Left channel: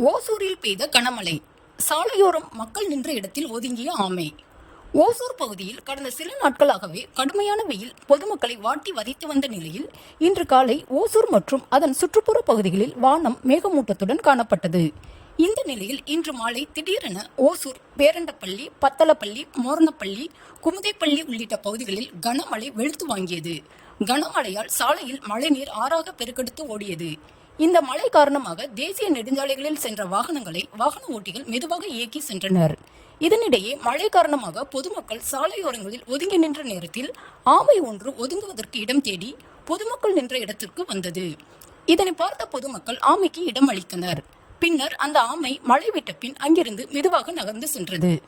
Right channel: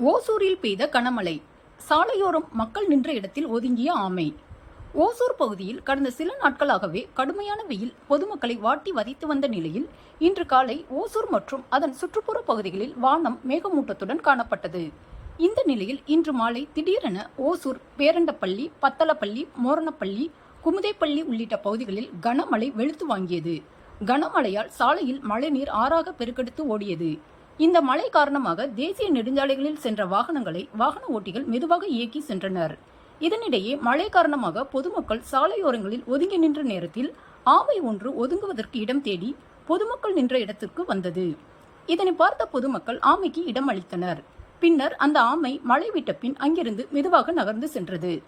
ஓசூரில் பெய்த கனமழை. சாலையோரம் மக்கள் நின்ற இடத்தில் ஒதுங்கிய ஆமை. ஓசூர் பகுதியில் கடந்த சில நாட்களாகவே கடுமையான வெயில் பொதுமக்களை வாட்டி வதைத்து வந்த நிலையில் இன்று காலை ஓசூர் மற்றும் அதன் சுற்றுப்புற பகுதிகளில் வானம் மேகமூட்டத்துடன் காணப்பட்டது. இந்த நிலையில் இன்று மாலை திடீரென ஓசூர், பேரண்டப்பள்ளி, பத்தலப்பள்ளி, மோரணப்பள்ளி, குமுதைப்பள்ளி உள்ளிட்ட பகுதிகளில் கனமழை வெளுத்து வாங்கியது. கனமழையால் சாலையில் மழைநீர் ஆறாக பெருக்கெடுத்து ஓடியது. இந்த மழை காரணமாக தேசிய நெடுஞ்சாலைகளில் சென்ற வாகனங்களை வாகன ஓட்டிகள் மெதுவாக இயக்கி சென்றனர். இதனிடையே மழை காரணமாக பொதுமக்கள் சாலையோரங்களில் ஒதுங்கி நின்ற நேரத்தில் ஆமை ஒன்று ஒதுங்குவதற்கு இடம் தேடி பொதுமக்கள் நின்ற இடத்திற்கு வந்தது. இதனை பார்த்த பொதுமக்கள் ஆமைக்கு இடம் அளித்தனர். பின்னர் அந்த ஆமை மழை விட்ட பின் அங்கிருந்து மெதுவாக நகர்ந்து சென்றது.